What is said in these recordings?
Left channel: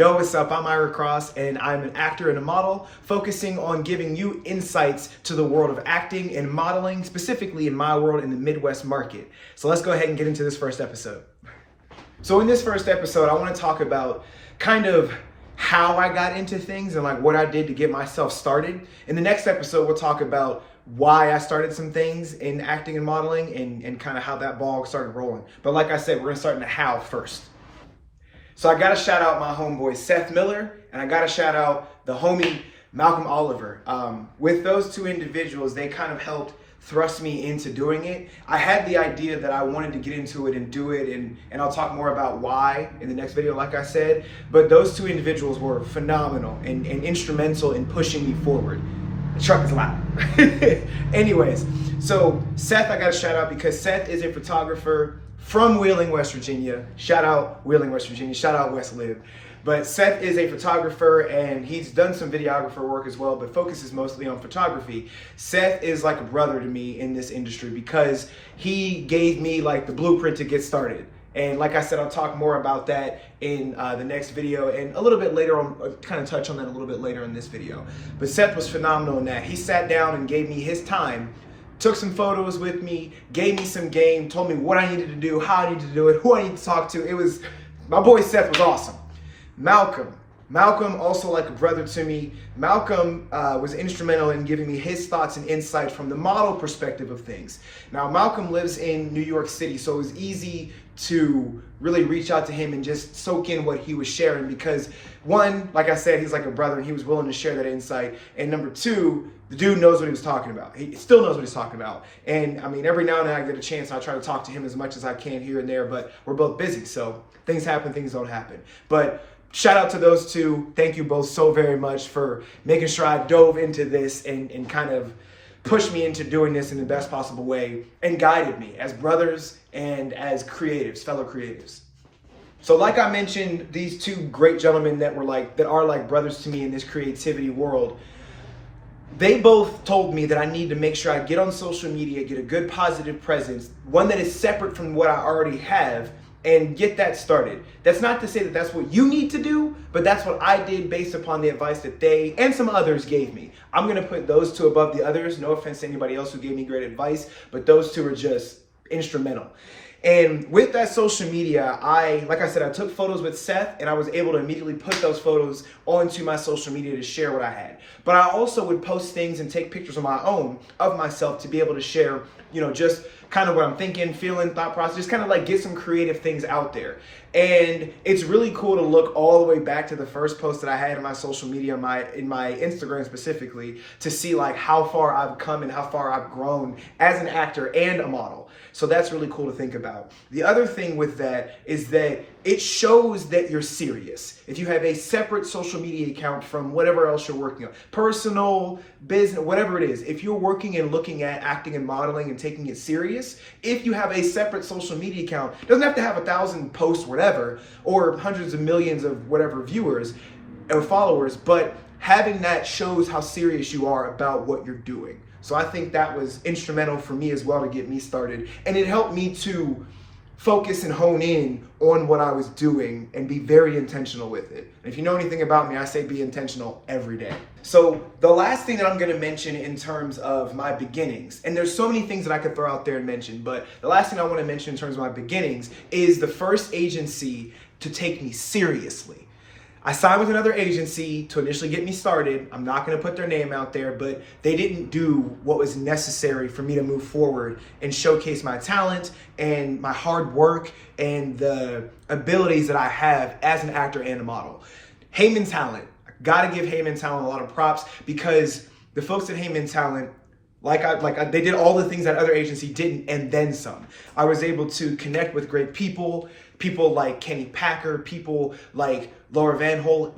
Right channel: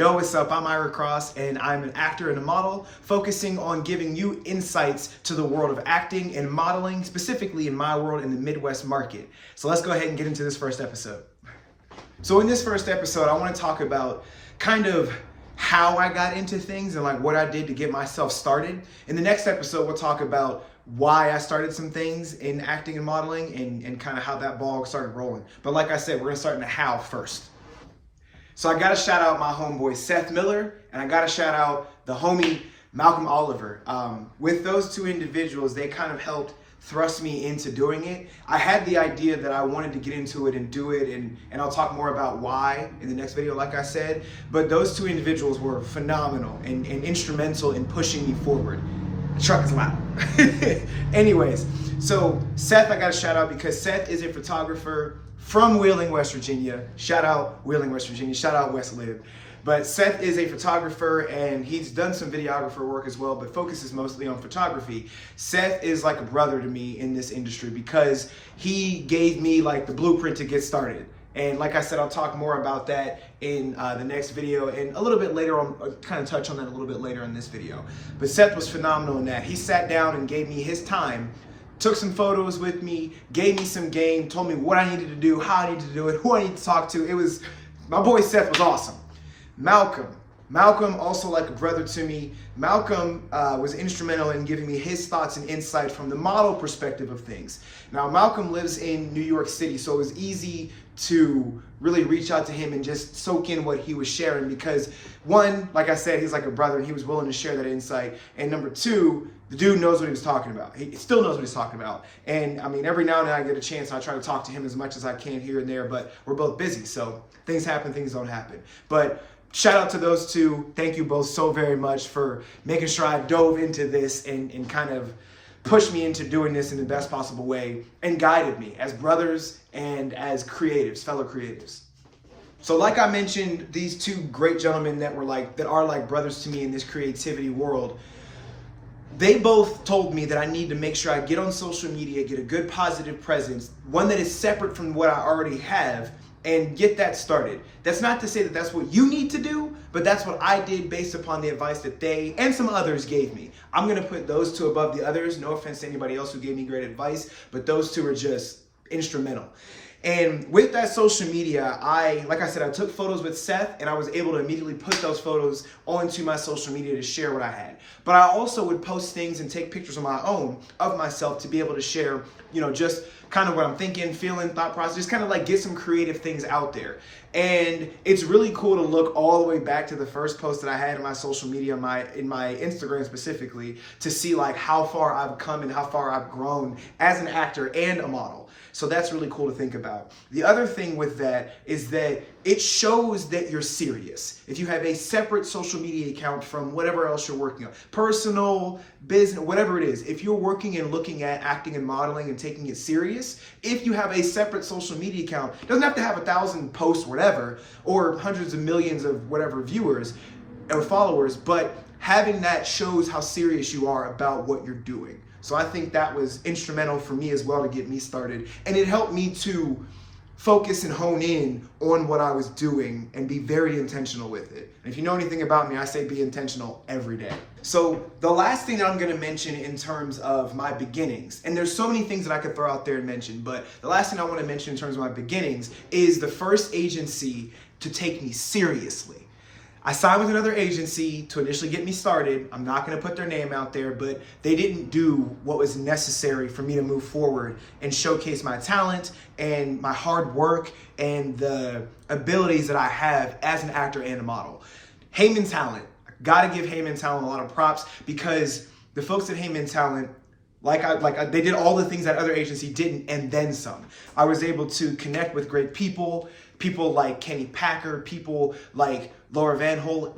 Yo, what's up? I'm Ira Cross, and I'm an actor and a model, focusing on giving you insights to the world of acting and modeling, specifically in my world in the Midwest market. So let's go ahead and get into this first episode. So in this first episode, I want to talk about kind of how I got into things and like what I did to get myself started. In the next episode, we'll talk about why I started some things in acting and modeling and kind of how that ball started rolling. But like I said, we're gonna start in the how first. So I gotta shout out my homeboy Seth Miller, and I gotta shout out the homie Malcolm Oliver. With those two individuals, they kind of helped thrust me into doing it. I had the idea that I wanted to get into it and do it, and I'll talk more about why in the next video, like I said. But those two individuals were phenomenal and instrumental in pushing me forward. The truck is loud. Anyways, so Seth I gotta shout out because Seth is a photographer from Wheeling, West Virginia. Shout out Wheeling, West Virginia. Shout out West Lib. But Seth is a photographer and he's done some videographer work as well, but focuses mostly on photography. Seth is like a brother to me in this industry because he gave me like the blueprint to get started. And like I said, I'll talk more about that in the next video and a little bit later on, kind of touch on that a little bit later in this video. But Seth was phenomenal in that. He sat down and gave me his time, took some photos with me, gave me some game, told me what I needed to do, how I needed to do it, who I needed to talk to. It was, my boy Seth was awesome. Malcolm, also like a brother to me. Malcolm was instrumental in giving me his thoughts and insight from the model perspective of things. Now, Malcolm lives in New York City, so it was easy to really reach out to him and just soak in what he was sharing because one, like I said, he's like a brother and he was willing to share that insight. And number two, the dude knows what he was talking about. He still knows what he's talking about. And I mean, every now and then I get a chance, I try to talk to him as much as I can here and there, but we're both busy. So things happen, things don't happen. But shout out to those two. Thank you both so very much for making sure I dove into this and kind of pushed me into doing this in the best possible way and guided me as brothers and as creatives, fellow creatives. So like I mentioned, these two great gentlemen that are like brothers to me in this creativity world, they both told me that I need to make sure I get on social media, get a good positive presence, one that is separate from what I already have, and get that started. That's not to say that that's what you need to do, but that's what I did based upon the advice that they and some others gave me. I'm gonna put those two above the others. No offense to anybody else who gave me great advice, but those two are just instrumental. And with that social media, like I said, I took photos with Seth and I was able to immediately put those photos onto my social media to share what I had. But I also would post things and take pictures of my own of myself to be able to share, just kind of what I'm thinking, feeling, thought process, just kind of like get some creative things out there. And it's really cool to look all the way back to the first post that I had in my social media, in my Instagram specifically, to see like how far I've come and how far I've grown as an actor and a model. So that's really cool to think about. The other thing with that is that it shows that you're serious. If you have a separate social media account from whatever else you're working on, personal, business, whatever it is, if you're working and looking at acting and modeling and taking it serious, if you have a separate social media account, it doesn't have to have 1,000 posts, whatever, or hundreds of millions of whatever viewers or followers, but having that shows how serious you are about what you're doing. So I think that was instrumental for me as well to get me started. And it helped me to focus and hone in on what I was doing and be very intentional with it. And if you know anything about me, I say be intentional every day. So the last thing that I'm gonna mention in terms of my beginnings, and there's so many things that I could throw out there and mention, but the last thing I wanna mention in terms of my beginnings is the first agency to take me seriously. I signed with another agency to initially get me started. I'm not gonna put their name out there, but they didn't do what was necessary for me to move forward and showcase my talent and my hard work and the abilities that I have as an actor and a model. Heyman Talent, I gotta give Heyman Talent a lot of props because the folks at Heyman Talent, they did all the things that other agency didn't and then some. I was able to connect with great people like Kenny Packer, people like Laura Van Hole,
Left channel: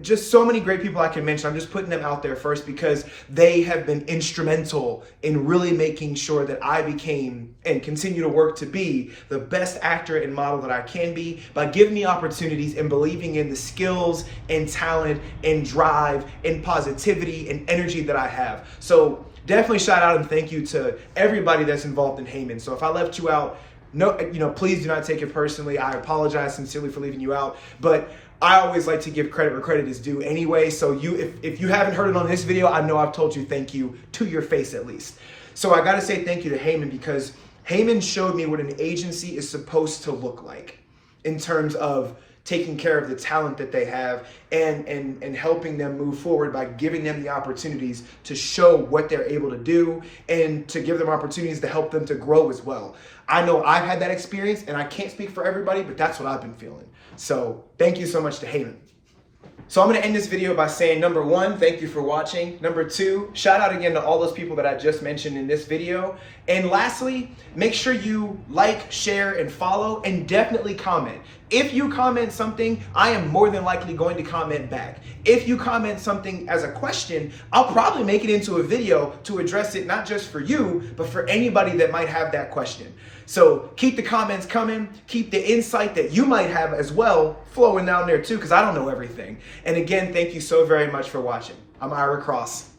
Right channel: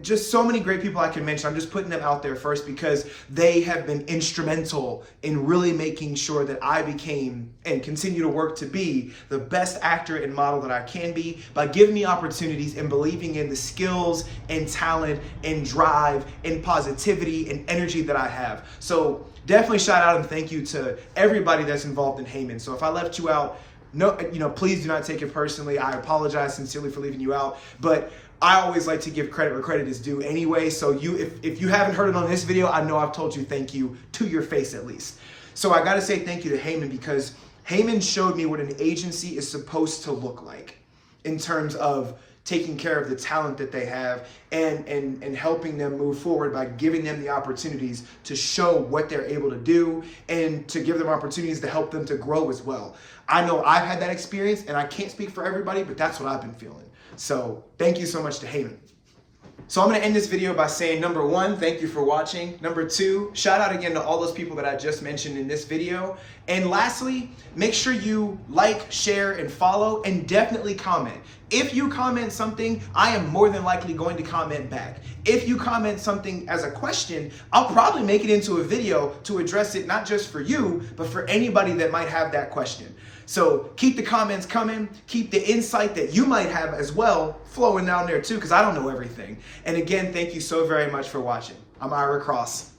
just so many great people I can mention. I'm just putting them out there first because they have been instrumental in really making sure that I became and continue to work to be the best actor and model that I can be by giving me opportunities and believing in the skills and talent and drive and positivity and energy that I have. So definitely shout out and thank you to everybody that's involved in Heyman. So if I left you out, no, please do not take it personally. I apologize sincerely for leaving you out, but I always like to give credit where credit is due anyway. So if you haven't heard it on this video, I know I've told you thank you to your face at least. So I gotta say thank you to Heyman, because Heyman showed me what an agency is supposed to look like in terms of taking care of the talent that they have and helping them move forward by giving them the opportunities to show what they're able to do and to give them opportunities to help them to grow as well. I know I've had that experience, and I can't speak for everybody, but that's what I've been feeling. So thank you so much to Heyman. So I'm gonna end this video by saying, number one, thank you for watching. Number two, shout out again to all those people that I just mentioned in this video. And lastly, make sure you like, share, and follow, and definitely comment. If you comment something, I am more than likely going to comment back. If you comment something as a question, I'll probably make it into a video to address it, not just for you, but for anybody that might have that question. So keep the comments coming, keep the insight that you might have as well flowing down there too, because I don't know everything. And again, thank you so very much for watching. I'm Ira Cross.